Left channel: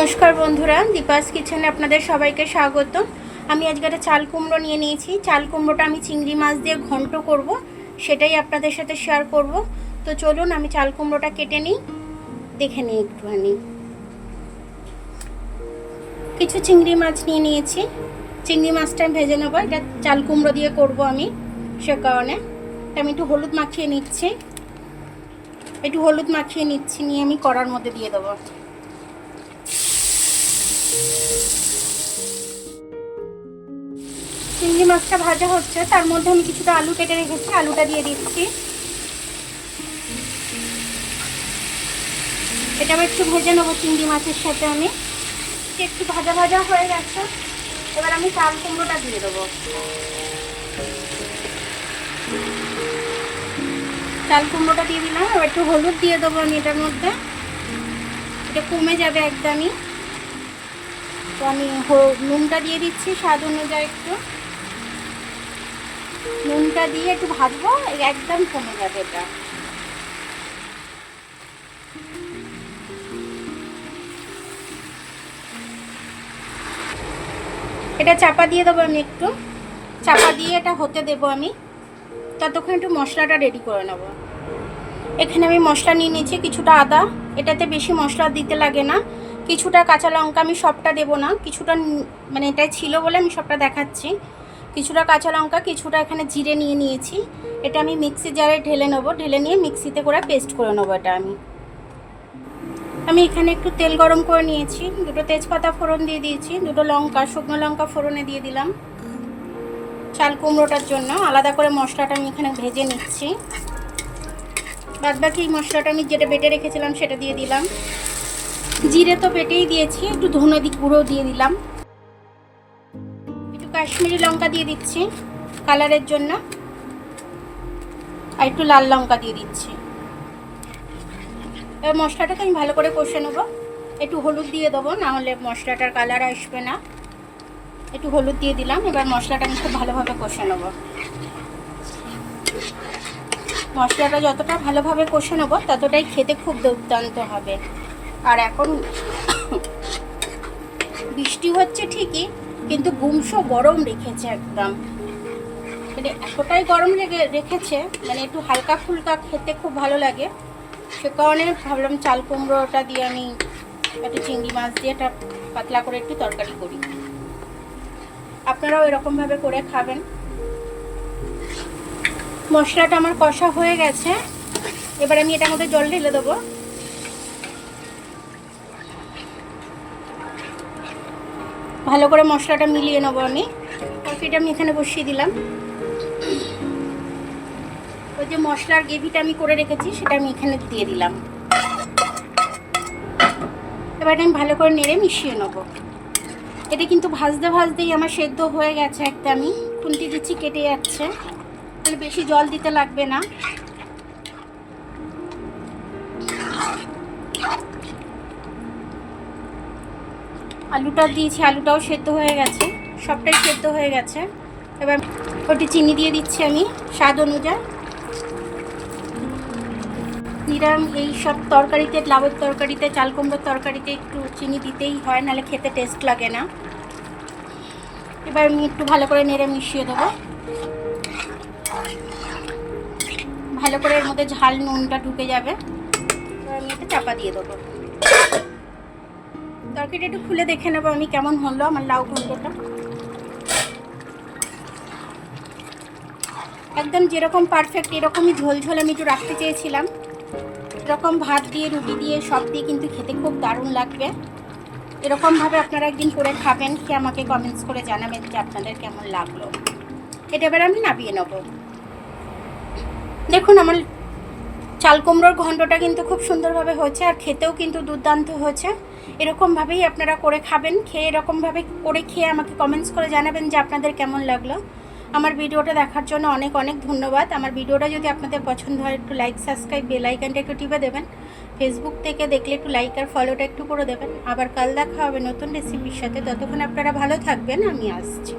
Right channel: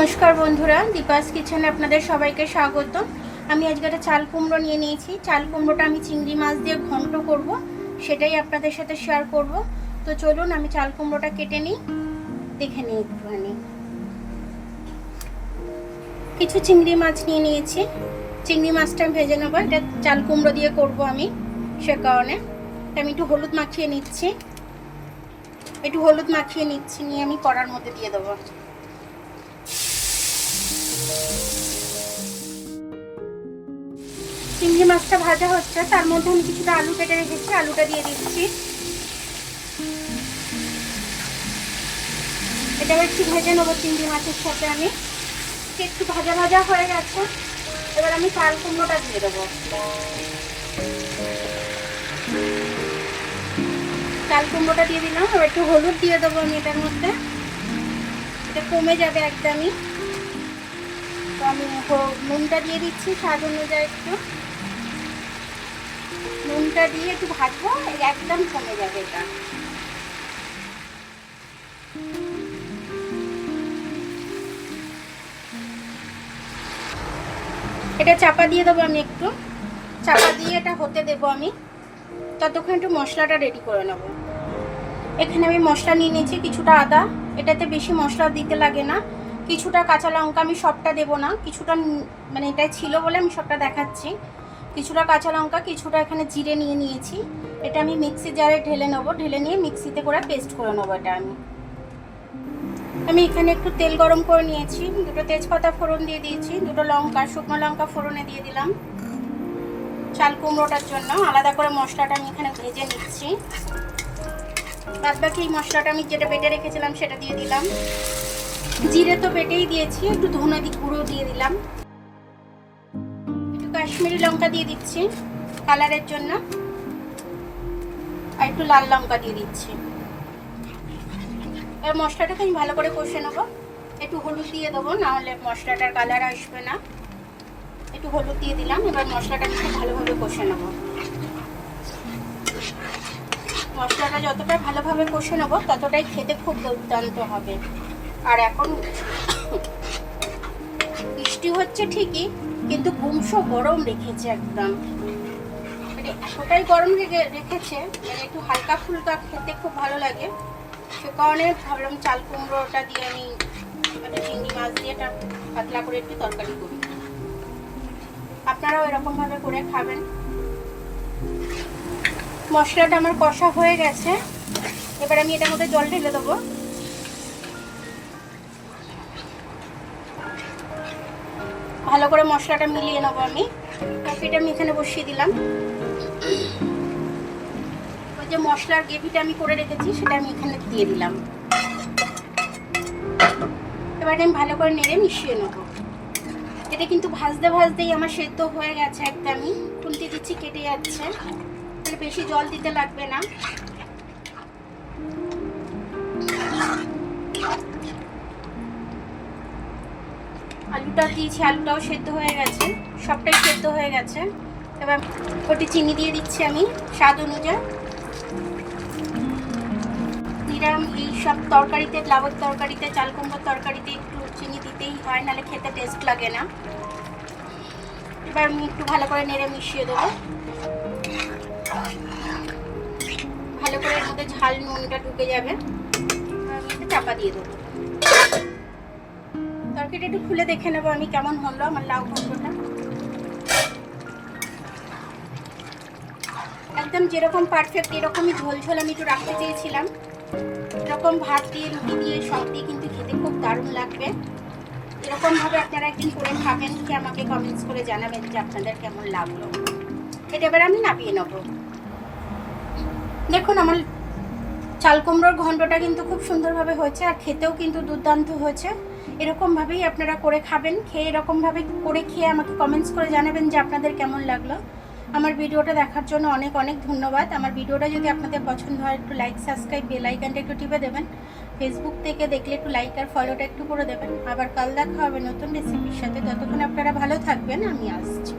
নমস্কার বন্ধুরা, দীপাস কিচেনে আপনাদের সবাইকে স্বাগত। আমি আজকে একটা চাল কুমড়ো নিয়ে নিয়েছি। চাল কুমড়োটা আমি চিংড়ি মাছ দিয়ে ঘন্ট করব, সেটাই আপনাদের সাথে শেয়ার করব। তো চলুন আমি চাল কুমড়োটা কেটে নিই, দেখে নিই একটুখানি। কিছু চিংড়ি মাছ নিয়ে নিয়েছি, চিংড়ি মাছটা আমি ভেজে নেবো। এটা চাল কুমড়ো দিয়ে করব আমি, সে কারণে আমি একটু হলুদ মাখিয়ে নিচ্ছি। নিয়ে আমি কড়ার মধ্যে দিয়ে দেবো। চিংড়ি মাছটা ভাজা হচ্ছে, তার মধ্যে আমি কিছুটা আলু কেটে রেখেছি, আলুটা দিয়ে দিচ্ছি। এটা আমি একটু ভেজে নেবো চিংড়ি মাছের সাথে। আমি একটু ভাজা ভাজা হয়ে গেছে, এবার আমি চাল কুমড়োটা দিয়ে দেবো। চাল কুমড়োটা দিয়ে দিলাম, এবার একটু হলুদ দিয়ে দেবো আমি এটার মধ্যে, এটা কমে যাবে একদমই। তো আমি নুনটা দিয়ে দিচ্ছি স্বাদ অনুযায়ী, একটু নুনটা দিয়ে একটু ভাজবো, একদম কমে যাবে এটা। এটা চাপা দিয়ে দেবো আমি, একটু চাপা দিয়ে এটা হতে দেবো আমি, ততক্ষণ একটু মশলাটা রেডি করে নেব। এখানে আমি মশলা নিয়ে নিয়েছি, কিছুটা আদা, এটাতে বেশি মশলা দিতে লাগে না। কিছুটা কাঁচা লঙ্কা, আমি সবটা দেবো না, কিছুটা মানে এটাই ছিল বলে আমি সবটা দেখাচ্ছি। কিছুটা কাঁচা লঙ্কা, কিছুটা এখানে জিরে নিয়ে নিয়েছি। এটা আমি মিক্সি জারে ঢেলে নেবো, ঢেলে নিয়ে মিক্সিতে করে পেস্ট করে নেবো। এটা আমি এখানে একটু তেল গরম করে নিয়েছি, দুটো তেজপাতা ফোড়ন দিয়ে দিয়েছি, দুটো লঙ্কা, শুকনো লঙ্কা ফোড়নে দিয়ে দিলাম। চাল কুমড়োটার জন্য আলাদা করে মশলাটা আমি এখানে ভেজে নিচ্ছি। বাদ বাকি মশলাটা আমি যেটা বেটে রেখেছিলাম সেটা দিয়ে দিলাম। জিরে তো বেটেই দিয়েছি, একটু ধনে গুঁড়ো দিয়ে দিলাম, একটু কাশ্মীরি লঙ্কা দিয়ে দিচ্ছি কালারের জন্য, আর একটু লাল লঙ্কা দিয়ে দিচ্ছি। এবার মশলাটাকে আমি ভালো করে কষে নেবো। একটু হলুদ দিয়ে দেবো, না হলে মশলাটার কালার আসবে না। একটু হলুদ দিয়ে দিলাম, এবার মশলাটা আমি খুব ভালোভাবে কষে নেবো। মশলাটা যতটা ভালোভাবে কষে নেবো ততটাই খেতে খুব দুর্দান্ত হবে। আর এখন বৃষ্টি হচ্ছে ঠিকই, কিন্তু গুমসো গরম রেখেছে একদম, মানে এতটাই গরম রেখেছে, মানে একটু হালকা ফুলকা খেতে খুব ভালো লাগে। সে কারণে ভাবলাম চাল কুমড়োটা দিয়ে আমি একটা চিংড়ি মাছ দিয়ে একটা পাতলা করে একটু তরকারি করি। আপনারাও এরকমভাবে করে খাবেন। মশলাটা আমার কষা হয়ে গেছে, এবার আমি এটার মধ্যে জল ঢেলে দেবো। ভালো করে মশলাটা মিলিয়ে নেবো আমি। কফিটা আমি এখানে বসিয়ে দিলাম। ওই যে মশলার গ্রেভিটা আমি করে রেখেছি সেটা আমি এখানে দিয়ে দিলাম। এবার আমি ভালো করে নেড়ে মিশিয়ে নেবো। এটা কিন্তু ভাজতে ভাজতেই আমার সেদ্ধ হয়ে গেছে একদমই। খুন্তি দিচ্ছি, কেটে যাচ্ছে, তাহলে বেশি জল দিতে লাগবে না। আলুটা দিয়েছি, আলুটাও সেদ্ধ হয়ে গেছে, সবটাই সেদ্ধ হয়ে গেছে। এবার ওটি চিনি দিয়ে দিচ্ছি আমি স্বাদ অনুযায়ী। এই সব তরকারিতে, লাউয়ের তরকারিতে, চাল কুমড়োর তরকারিতে একটু চিনি দিতেই হয়, নাহলে খেতে টেস্ট লাগে না। এবার আমি একটু ভালো করে নেড়ে মিশিয়ে দেবো। ভালো করে এর মধ্যে ঝাল নুনটা ঢুকে যাবে। এবার আমি একটু চাপা দিয়ে দেবো। তরকারিটা একটু খুলে দেখে নেবো আমি কেমন হলো আমার লাউ ঘন্টটা। একদম যেরকম পারফেক্ট এরকমই ঝোল ঝোল আমি একটু রাখতে চেয়েছিলাম। এরকম ভাত দিয়ে, রুটি দিয়ে, সব দিয়ে কিন্তু খেতে খুব দারুণ লাগবে। এরকমভাবে আপনারা একদিন করে খাবেন, কি আমাকে কমেন্টস করে জানাবেন যে আপনাদের কেমন লাগলো। এটা এবার আমি নামিয়ে নেব। দেখুন আমার চাল কুমড়োর ঘন্টটা কিন্তু খুব সুন্দরভাবে হয়েছে, আর খেতেও কিন্তু দুর্দান্ত হয়েছে। এরকমভাবেই আপনারা করে খাবেন। এরকমভাবে করে খেয়ে আমাকে কমেন্টস করে জানাবেন যে আপনাদের কেমন লাগলো। আমার ভিডিওটা দেখার জন্য অনেক অনেক ধন্যবাদ। আমার ভিডিওটা যদি আপনাদের পছন্দ হয় একটু লাইক, সাবস্ক্রাইব, বেল আইকনটা একটু টিপে দেবেন। ফেসবুক থেকে দেখলে একটু লাইক আর ফলোটা একটু করে দেবেন। আবার কাল দেখা হবে নতুন রেসিপির সাথে। ততক্ষণ আপনারা ভালো থাকবেন, আমি আসছি।